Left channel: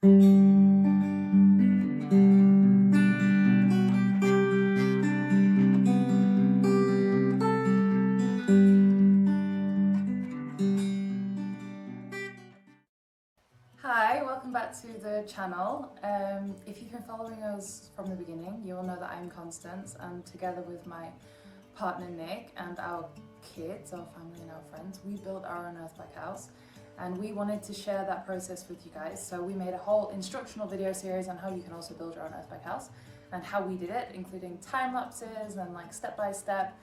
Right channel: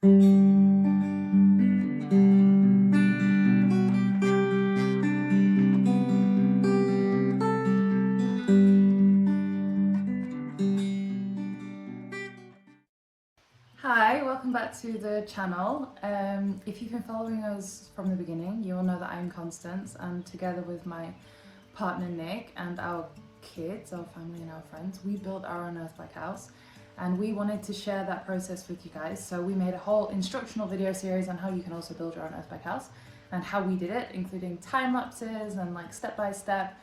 Hi, welcome back to the channel. If you've been following us from the beginning, you will know that I'm Constance, and together with my partner Nick and our kids, our family and our friends, we built our own earthbag house, and we wanted to share that process with you guys. So we made a whole instructional video series on how you can also build your own earthbag house and how we did it, including time lapses and like step by step,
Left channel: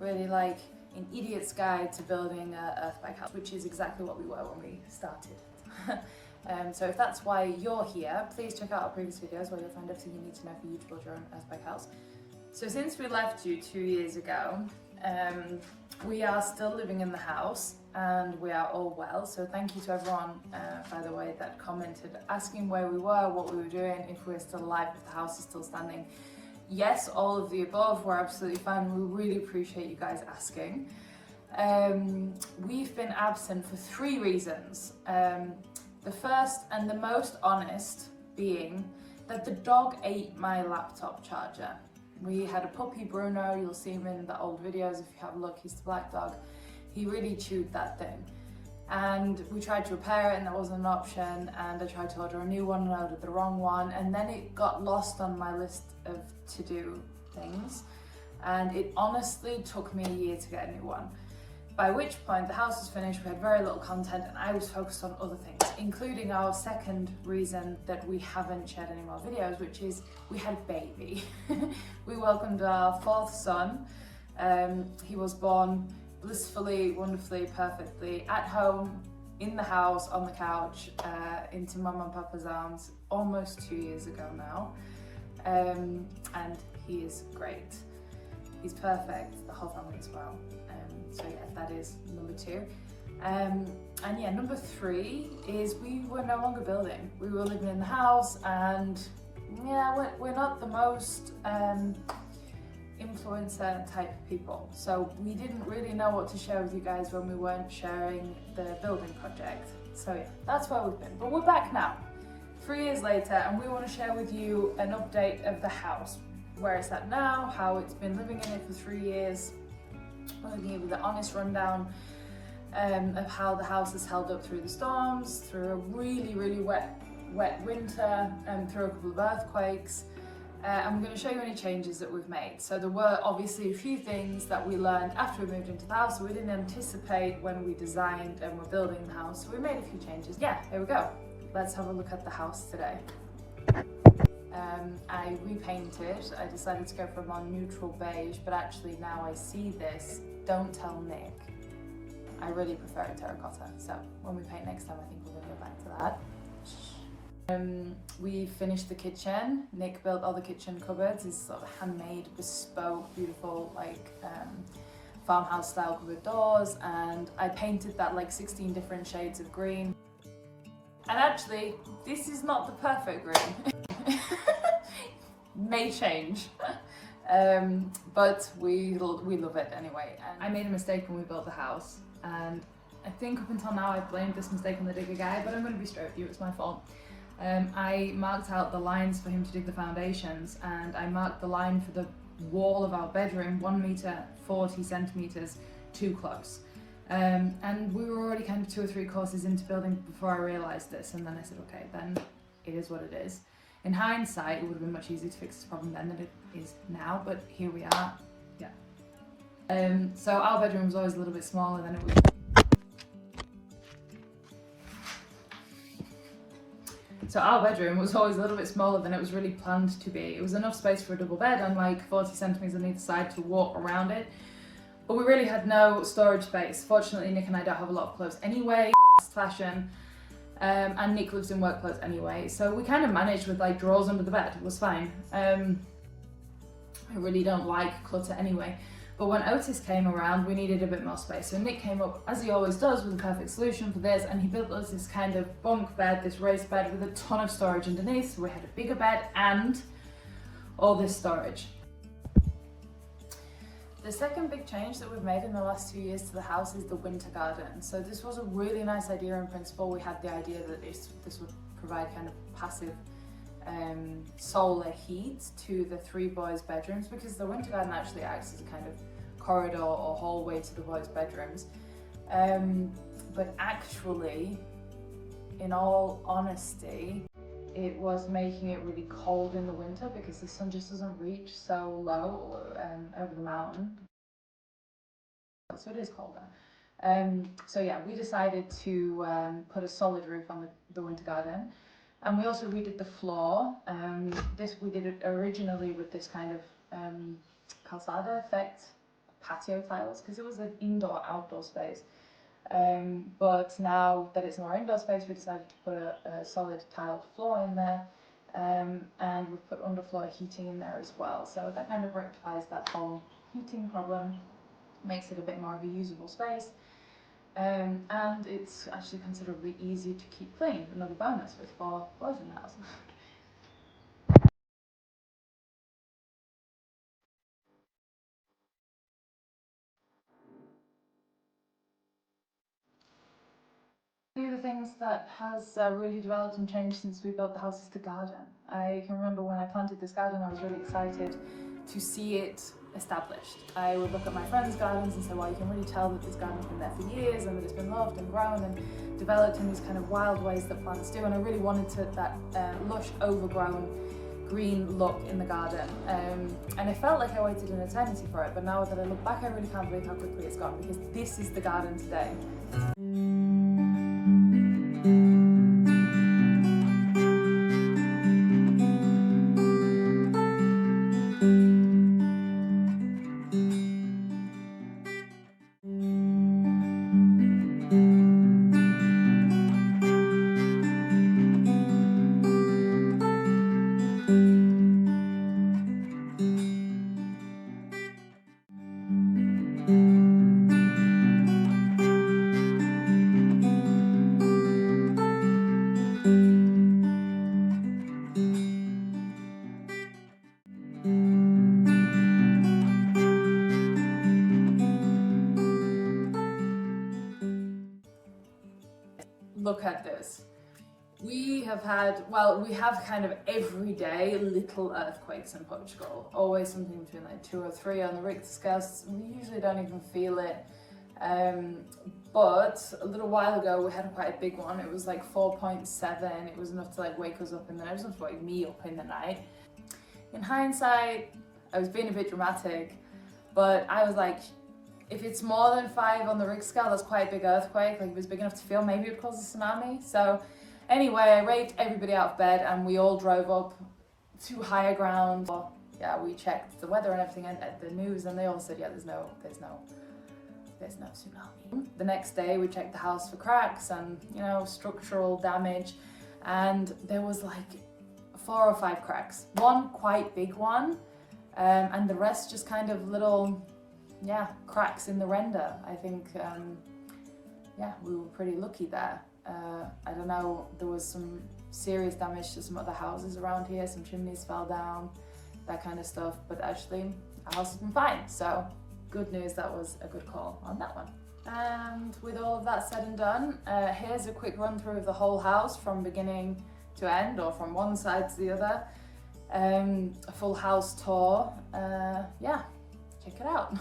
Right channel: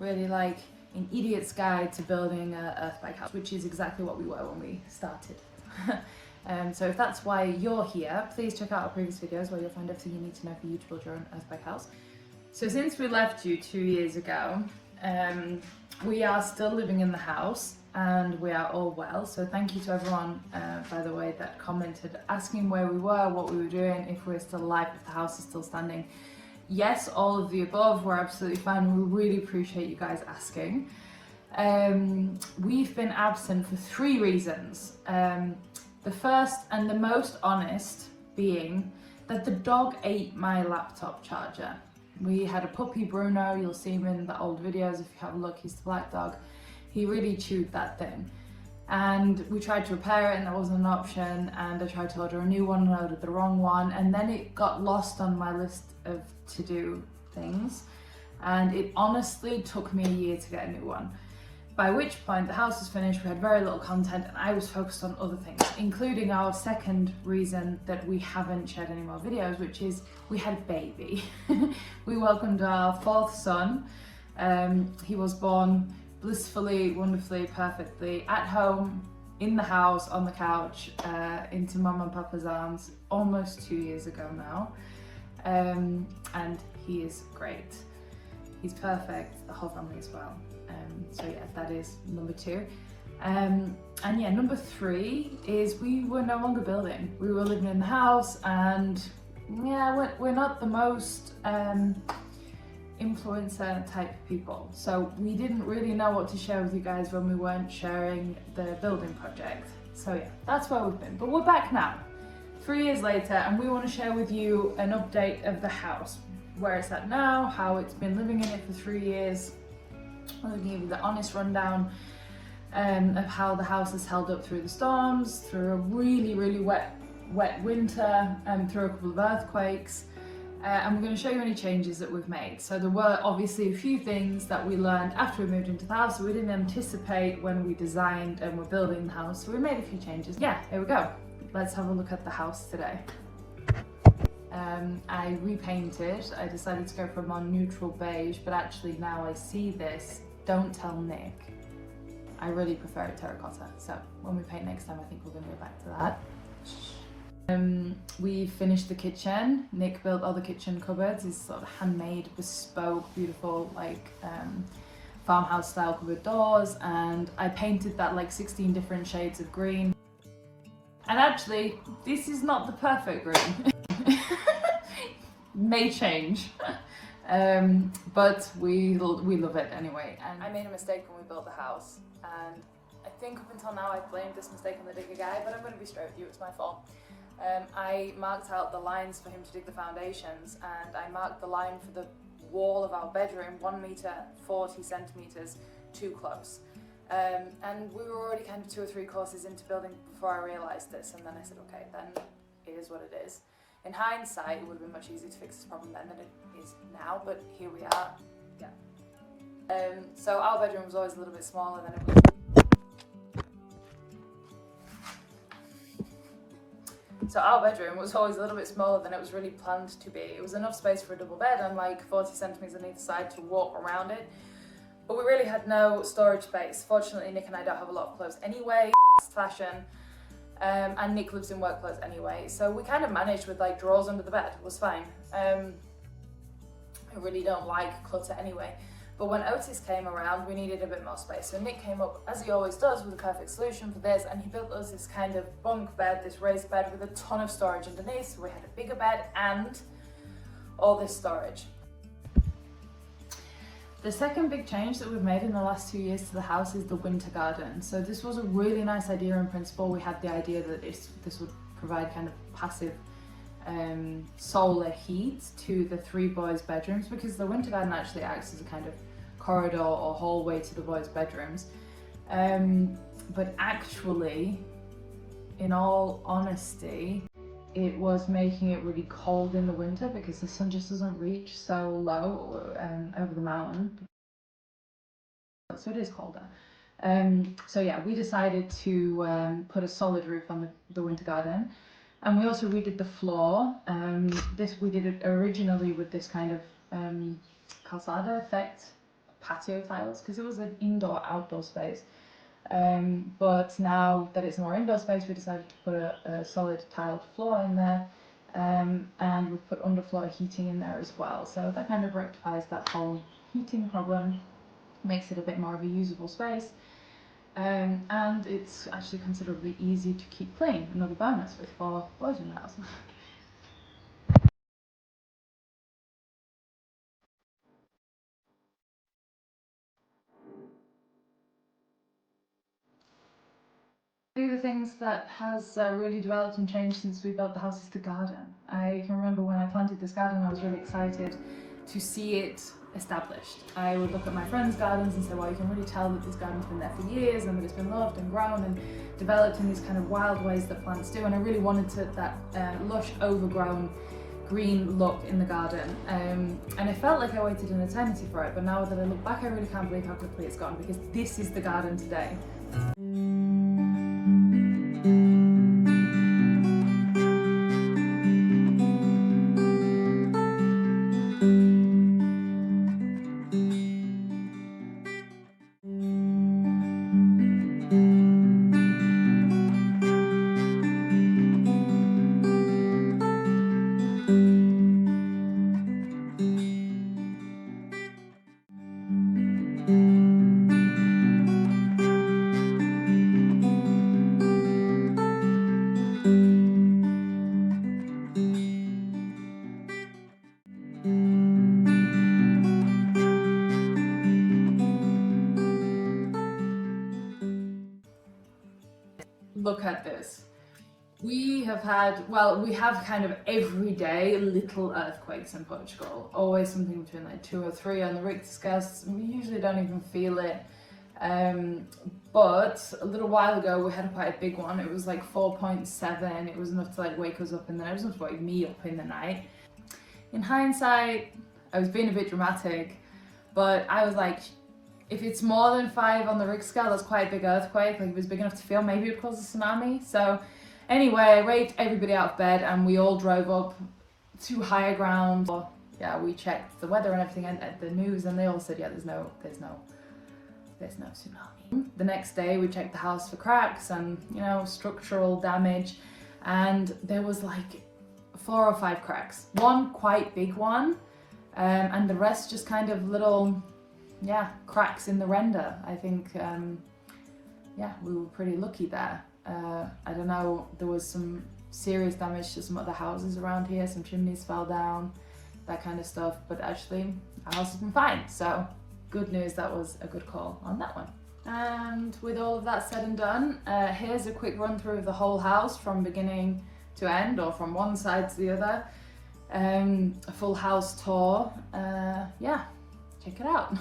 really like an idiot's guide to building an earthbag house, which is exactly what we were when we started. So if that's why you're here, please check out our previous videos where you'll find everything you need to know for you to build your own earthbag house. So since we left you 2 years ago, we are still living in the house and we are all well. So thank you to everyone, by the way, that commented asking where we were, what we were doing, if we're still alive, if the house is still standing. Yes, all of the above. We're absolutely fine. We really appreciate you guys asking. We've been absent for 3 reasons. The first and the most honest being that the dog ate my laptop charger. We had a puppy, Bruno, you'll see him in the old videos if you have a look, he's the black dog. He really chewed that thing. And we tried to repair it and there wasn't an option, and I tried to order a new one and I ordered the wrong one, and then it got lost on my list of to-do things, and it honestly took me a year to get a new one. By which point the house was finished, we had very little content, and I was focused on other things, including our second reason that we haven't shared any more videos, which is we had a baby. We welcomed our 4th son. He was born blissfully, wonderfully, perfectly at home, in the house, on the couch, into Mum and Papa's arms almost 2 years ago now. And he is great. He's perfect, the whole family as well. So yeah, that is number 2. And yeah, number 3 is we were no longer building. We were living in the house, and yeah, we're not the most influencer type people. So we didn't really know what to share with you guys when we weren't sharing the building project. So yeah, that's where we've been. But we're back now, 3 years later, and we want to share with you an update of the house, where it's at now, how it's been living in it for 3 years. I'm going to give you the honest rundown of how the house has held up through the storms, through a really, really wet winter, through a couple of earthquakes. And we're going to show you any changes that we've made. So there were obviously a few things that we learned after we moved into the house we didn't anticipate when we designed and were building the house. So we made a few changes. Yeah, there we go. Let's have a look at the house today. I repainted. I decided to go for a more neutral beige, but actually now I see this, don't tell Nick, I really prefer a terracotta. So when we paint next time, I think we're going to go back to that. We finished the kitchen. Nick built all the kitchen cupboards. It's sort of handmade, bespoke, beautiful, like farmhouse style cupboard doors, and I painted that like 16 different shades of green. And actually, this is not the perfect green. May change, but we love it anyway. And I made a mistake when we built the house, and I think up until now I've blamed this mistake on the digger guy, but I'm going to be straight with you, it's my fault. I marked out the lines for him to dig the foundations, and I marked the line for the wall of our bedroom 1 meter 40 centimeters too close. And we were already kind of 2 or 3 courses into building before I realized this, and then I said, okay, then it is what it is. In hindsight, it would have been much easier to fix this problem then than it is now, but here we are. Yeah. So our bedroom was always a little bit smaller than it was. So our bedroom was always a little bit smaller than it was really planned to be. It was enough space for a double bed and like 40 centimeters on either side to walk around it. But we really had no storage space. Fortunately, Nick and I don't have a lot of clothes anyway, fashion. And Nick lives in work clothes anyway, so we kind of managed with like drawers under the bed. It was fine. I really don't like clutter anyway, but when Otis came around we needed a bit more space, so Nick came up, as he always does, with a perfect solution for this, and he built us this kind of bunk bed, this raised bed with a ton of storage underneath, so we had a bigger bed and all this storage. The second big change that we've made in the last 2 years to the house is the winter garden. So this was a really nice idea in principle. We had the idea that this would provide kind of passive solar heat to the 3 boys' bedrooms, because the winter garden actually acts as a kind of corridor or hallway to the boys' bedrooms. But actually, in all honesty, it was making it really cold in the winter because the sun just doesn't reach so low over the mountain. So it is colder. So yeah, we decided to put a solid roof on the winter garden, and we also redid the floor. We did it originally with this kind of calzada effect patio tiles, because it was an indoor-outdoor space. But now that it's a more indoor space, we decided to put a solid tiled floor in there, and we've put underfloor heating in there as well. So that kind of rectifies that whole heating problem, makes it a bit more of a usable space, and it's actually considerably easier to keep clean. Another bonus with 4 boys in the house. One of the things that has really developed and changed since we built the house is the garden. I can remember when I planted this garden, I was really excited to see it established. I would look at my friends' gardens and say, well, you can really tell that this garden's been there for years and that it's been loved and grown and developed in these kind of wild ways that plants do. And I really wanted that lush, overgrown green look in the garden, and it felt like I waited an eternity for it. But now that I look back, I really can't believe how quickly it's gone, because this is the garden today. Look at this. We have kind of everyday little earthquakes in Portugal. Always something between like 2 or 3 on the Richter scale. We usually don't even feel it. But a little while ago we had quite a big one. It was like 4.7. It was enough to like wake us up in the night. It was enough to wake me up in the night. In hindsight, I was being a bit dramatic, but I was like, if it's more than 5 on the Richter scale, that's quite a big earthquake. Like if it's big enough to feel, maybe it would cause a tsunami. So anyway, I raked everybody out of bed and we all drove up to higher ground. Yeah, we checked the weather and everything and the news, and they all said, yeah, there's no tsunami. The next day we checked the house for cracks and, you know, structural damage, and there was like 4 or 5 cracks. One quite big one, and the rest just kind of little, cracks in the render. I think, we were pretty lucky there. I don't know, there was some serious damage to some other houses around here, some chimneys fell down, that kind of stuff, but actually our house has been fine, so good news, that was a good call on that one. And with all of that said and done, here's a quick run through of the whole house from beginning to end, or from one side to the other. A full house tour. Check it out.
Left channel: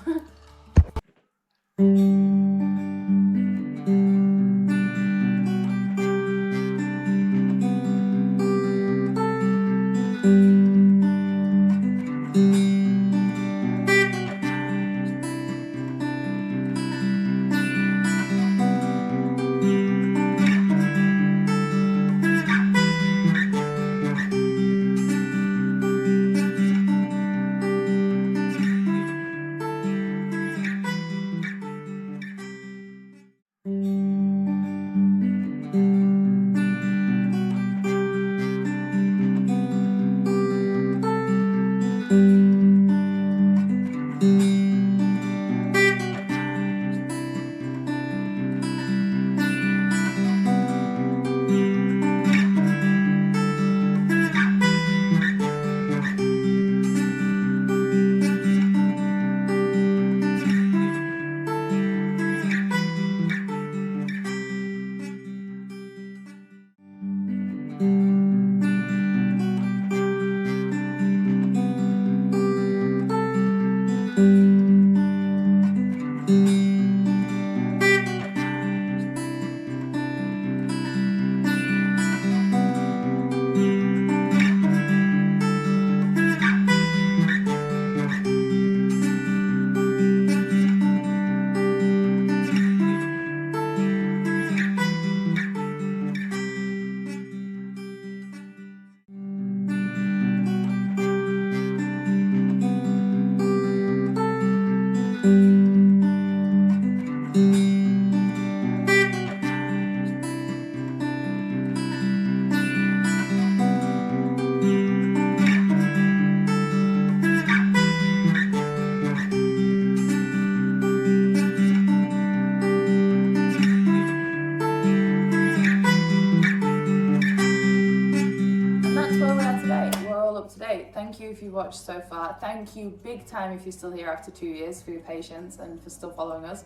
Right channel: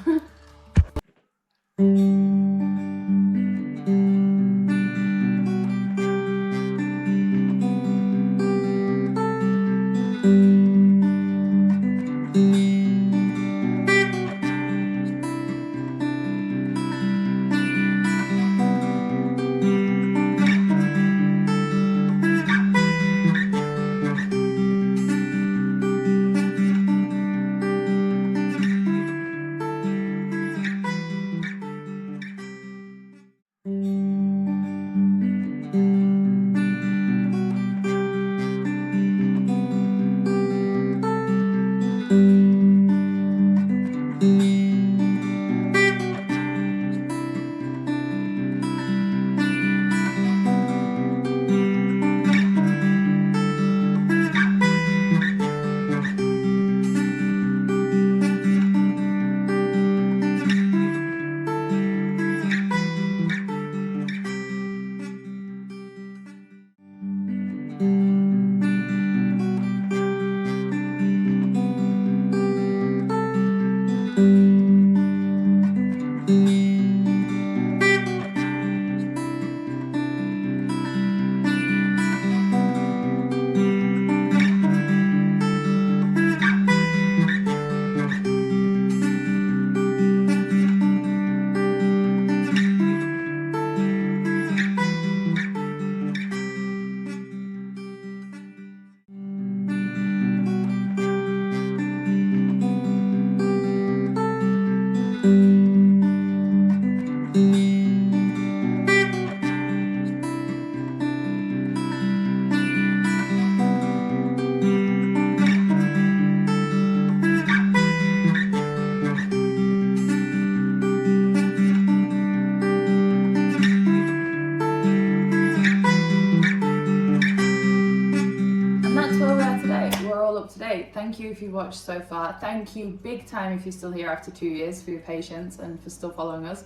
great. Thank you if you watched so far. Thank you big time if you're still here after 2 years for your patience and for still following us.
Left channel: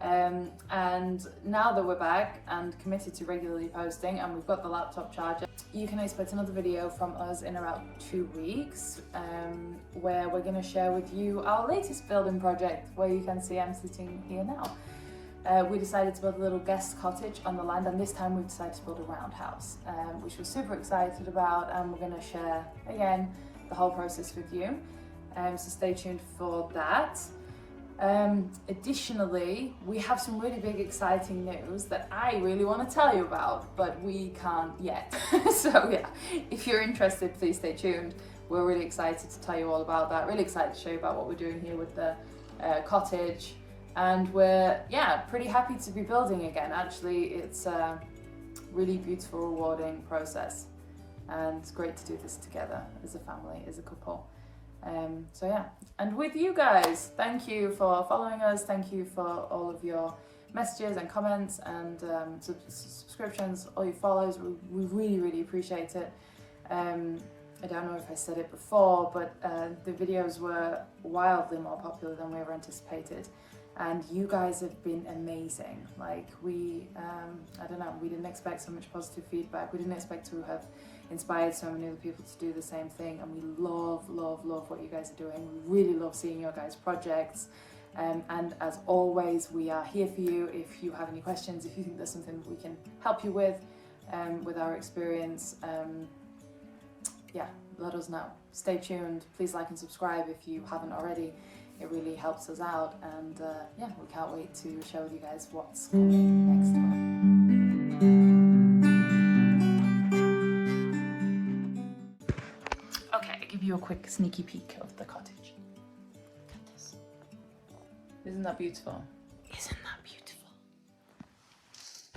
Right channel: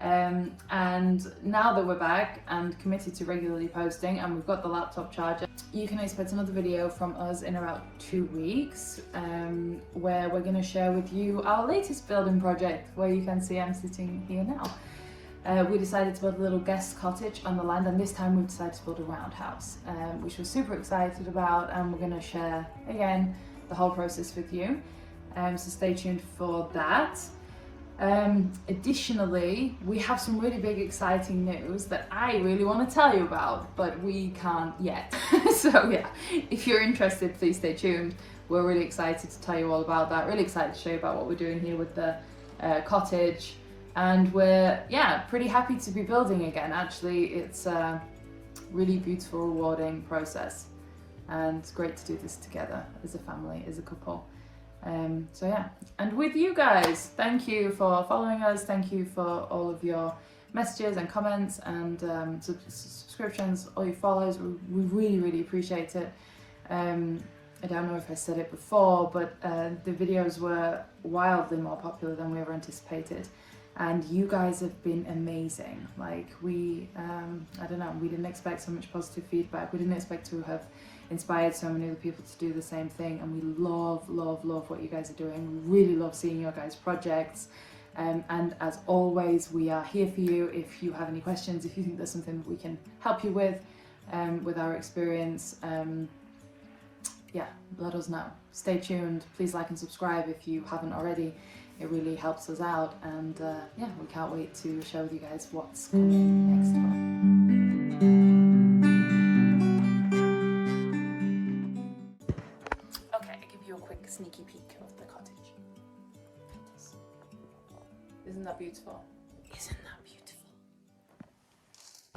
And now that we're back and committed to regularly posting and we've got the laptop charger, you can expect another video from us in about 2 weeks, where we're going to share with you our latest building project, where you can see I'm sitting here now. We decided to build a little guest cottage on the land, and this time we've decided to build a roundhouse, which we're super excited about, and we're going to share again the whole process with you. So stay tuned for that. Additionally, we have some really big exciting news that I really want to tell you about, but we can't yet. So yeah, if you're interested, please stay tuned. We're really excited to tell you all about that, really excited to show you about what we're doing here with the cottage, and we're pretty happy to be building again. Actually, it's a really beautiful, rewarding process, and it's great to do this together as a family, as a couple. So yeah, and with you guys, thank you for following us, thank you for all of your messages and comments and subscriptions, all your follows. We really appreciate it. I don't know if I said it before, but the videos were wildly more popular than we ever anticipated, and you guys have been amazing. Like I don't know, we didn't expect so much positive feedback. We didn't expect to have inspired so many other people to do the same thing, and we love what you guys are doing. We really love seeing your guys' projects, and as always, we are here for you if you have any questions, if you think there's something that we can help you with our experience. Yeah, let us know. Stay tuned. Please like and subscribe if you haven't already. It really helps us out, and yeah, we can't wait to show you guys what's coming next time. A quick sneaky peek of the cottage. Isn't that beautiful? Isn't that beautiful?